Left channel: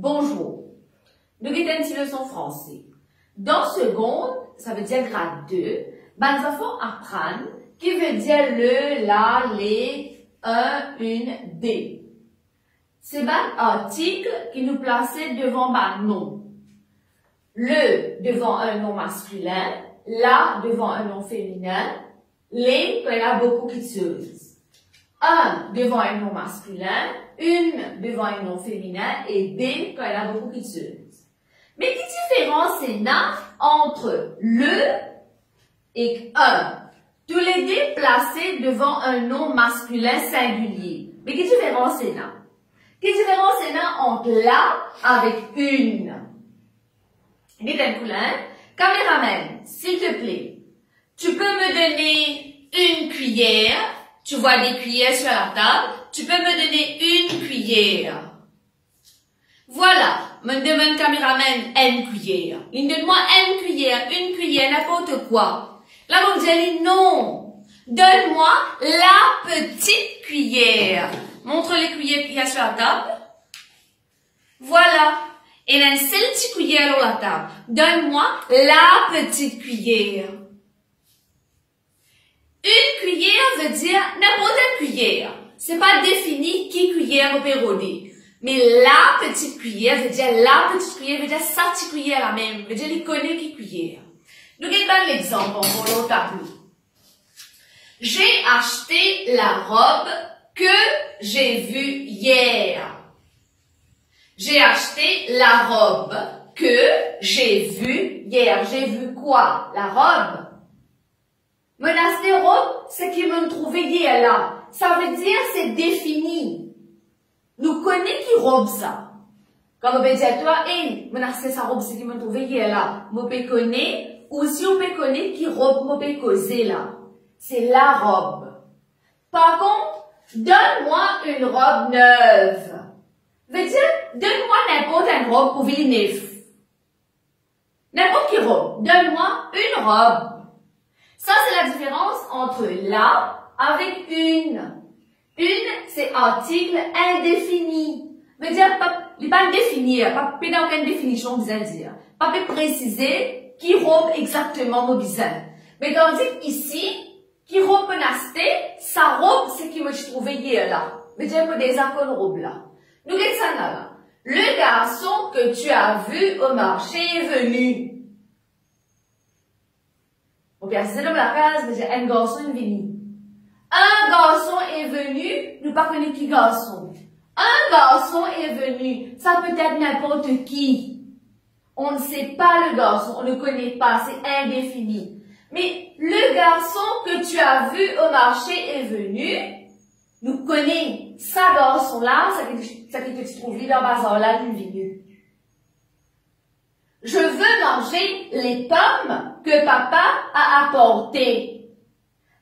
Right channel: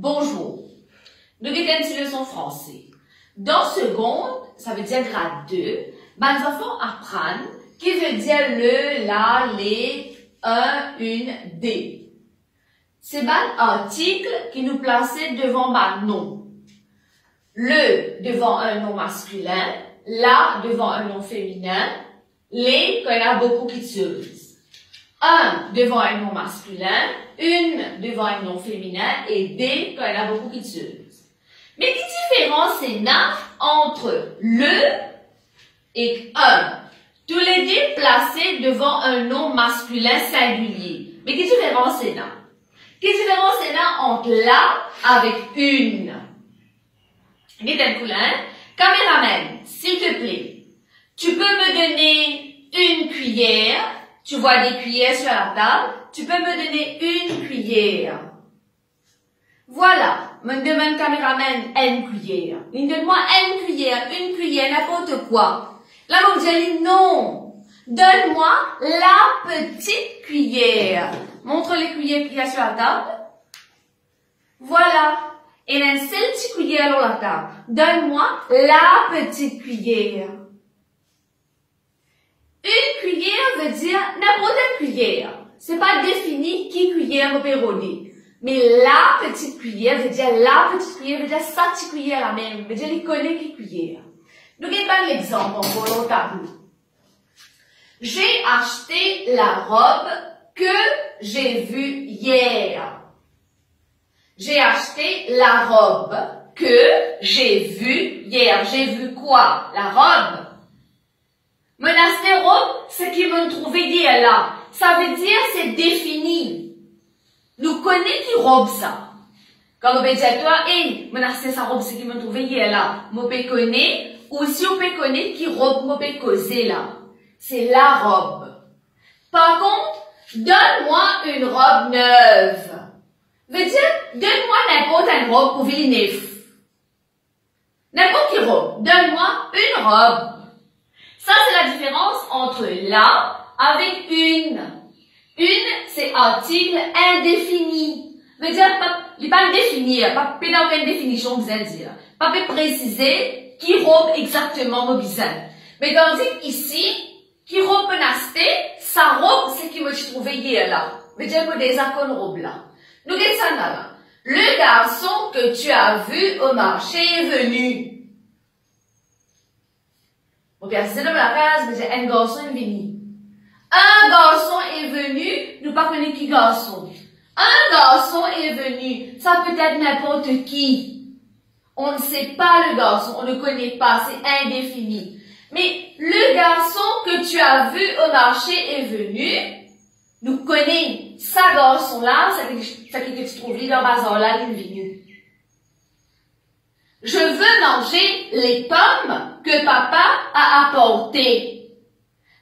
Bonjour. Nous avons une leçon français. Dans seconde, ça veut dire grade 2, ben, les enfants apprennent qui veut dire le, la, les, un, une, des. C'est un article qui nous plaçait devant un nom. Le devant un nom masculin, la devant un nom féminin, les quand il y en a beaucoup qui utilisent. Un devant un nom masculin, une devant un nom féminin et des quand il y en a beaucoup qui utilisent. Mais quelle différence il y a entre le et un? Tous les deux placés devant un nom masculin singulier. Mais quelle différence il y a? Quelle différence il y a entre la avec une? Caméraman, s'il te plaît, tu peux me donner une cuillère. Tu vois des cuillères sur la table. Tu peux me donner une cuillère. Voilà. Me demande caméraman une cuillère. Il donne-moi une cuillère, n'importe quoi. Là, mon dit non. Donne-moi la petite cuillère. Montre les cuillères qu'il y a sur la table. Voilà. Et là, une seule petite cuillère sur la table. Donne-moi la petite cuillère. Une cuillère veut dire n'importe quelle cuillère. C'est pas défini qui cuillère au pérodé. Mais la petite cuillère veut dire la petite cuillère, veut dire sa petite cuillère la même, veut dire les connaît qui cuillère. Nous regardons l'exemple en au tableau. J'ai acheté la robe que j'ai vue hier. J'ai acheté la robe que j'ai vue hier. J'ai vu quoi? La robe. Menacer robe, c'est qu'ils m'ont trouvé hier là. Ça veut dire c'est défini. Nous connaissons qui robe ça. Quand on peut dire toi, hey, menacer sa robe, c'est qu'ils m'ont trouvé hier là. Moi peut connaître, ou si on peut connaître qui robe, moi peut causer là. C'est la robe. Par contre, donne-moi une robe neuve. Veut dire, donne-moi n'importe une robe pour Villeneuve. N'importe quelle robe. Donne-moi une robe. Ça, c'est la différence entre la avec une. Une, c'est article indéfini. Veut dire, il n'est pas défini, pas aucune définition, besoin dire. Pas préciser qui robe exactement mon besoin. Mais tandis ici, qui robe menacé, sa robe, c'est qui me trouvé hier là. Veut dire que des accords robe là. Nous regardons ça là. Le garçon que tu as vu au marché est venu. Ok, c'est dans la case, mais un garçon est venu. Un garçon est venu, nous ne connaissons pas qui garçon. Un garçon est venu, ça peut être n'importe qui. On ne sait pas le garçon, on ne connaît pas, c'est indéfini. Mais le garçon que tu as vu au marché est venu, nous connaissons ça garçon-là, ça qui te trouve dans le bazar-là, il est venu. Je veux manger les pommes que papa a apportées.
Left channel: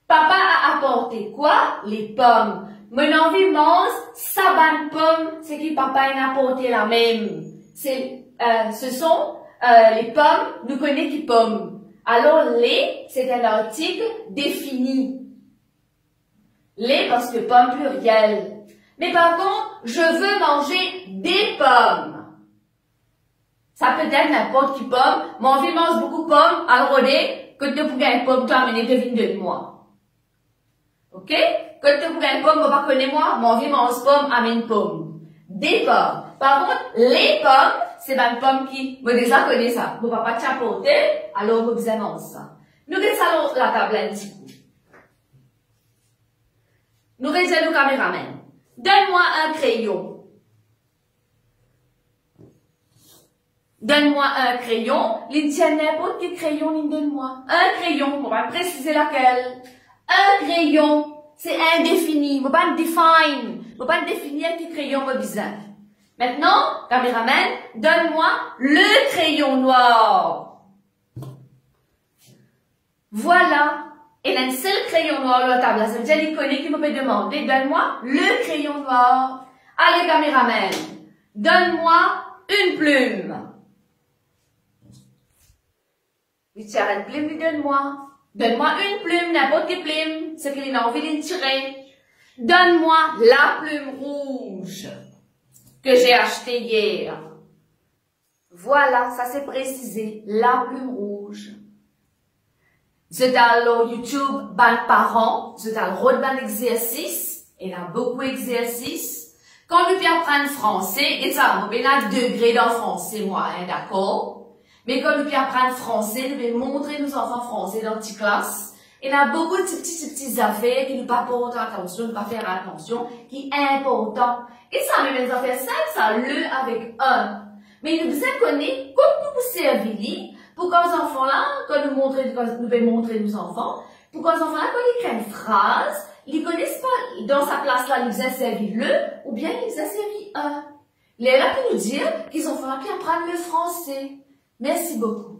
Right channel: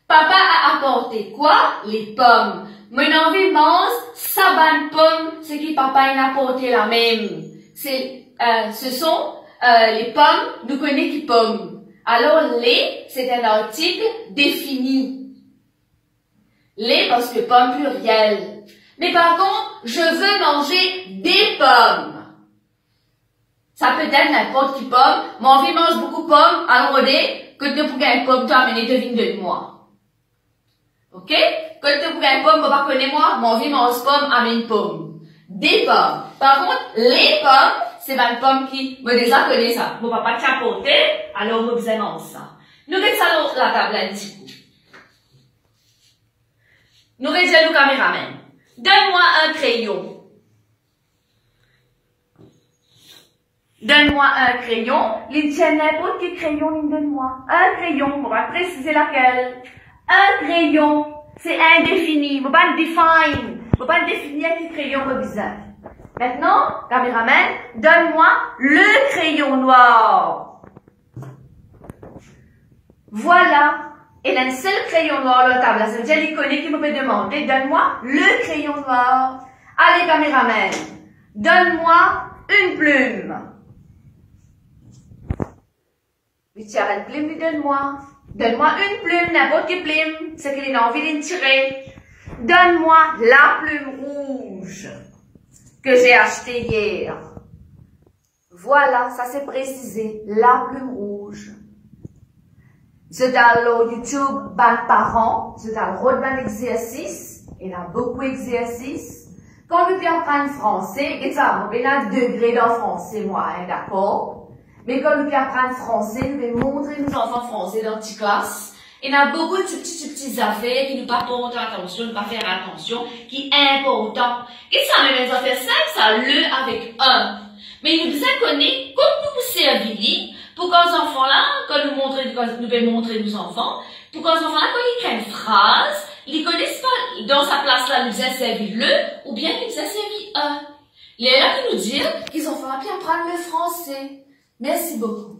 Papa a apporté quoi? Les pommes. Mon envie mange sa bonne pomme, c'est qui papa a apporté la même. Ce sont les pommes, nous connaissons qui pommes. Alors les, c'est un article défini. Les parce que pomme pluriel. Mais par contre, je veux manger des pommes. Ça peut être n'importe qui pomme. Mon envie mange beaucoup de pommes. Alors on dit que tu peux gagner une pomme, tu as amené devine de moi. Ok? Quand tu pour une pomme, pas connaître moi, mon vie mange pomme, amène pomme. Des pommes. Par contre, les pommes, c'est une pomme qui me déjà connaît ça. Mon papa t'a apporté, alors on besoin de ça. Nous regardons ça sur la table un petit coup. Nous regardons le caméraman. Donne-moi un crayon. Donne-moi un crayon. Il tient n'importe quel crayon, il donne-moi. Un crayon, on va préciser laquelle. Un crayon, c'est indéfini. Faut pas le define. Faut pas le définir quel crayon on a besoin. Maintenant, caméraman, donne-moi le crayon noir. Voilà. Et là, un seul crayon noir à la table. Ça veut dire qu'il connaît qui me peut demander. Donne-moi le crayon noir. Allez, caméraman. Donne-moi une plume. Il tire une plume, lui donne-moi. Donne-moi une plume, n'importe quelle plume, c'est qu'il a envie de tirer. Donne-moi la plume rouge que j'ai achetée hier. Voilà, ça c'est précisé, la plume rouge. Je dans le YouTube, ben parents, je dans le rôle d'un exercice, il y a beaucoup d'exercices. Quand nous apprendre français, et ça, on a un degré dans français, moi, hein, d'accord? Mais quand nous apprendre français, nous devons montrer nos enfants français dans les classes. Il y a beaucoup de petites affaires qui nous pas porter attention, nous pas faire attention, qui est important. Et ça, même les affaires simples, ça le avec un. Mais nous devons connaître comment nous servir pour qu'aux enfants-là, quand nous devons montrer nos enfants, pour qu'aux enfants-là, quand ils créent une phrase, ils connaissent pas dans sa place-là, nous devons servir le, ou bien nous devons servir un. Il est là pour nous dire qu'ils ont fait apprendre le français. Merci beaucoup.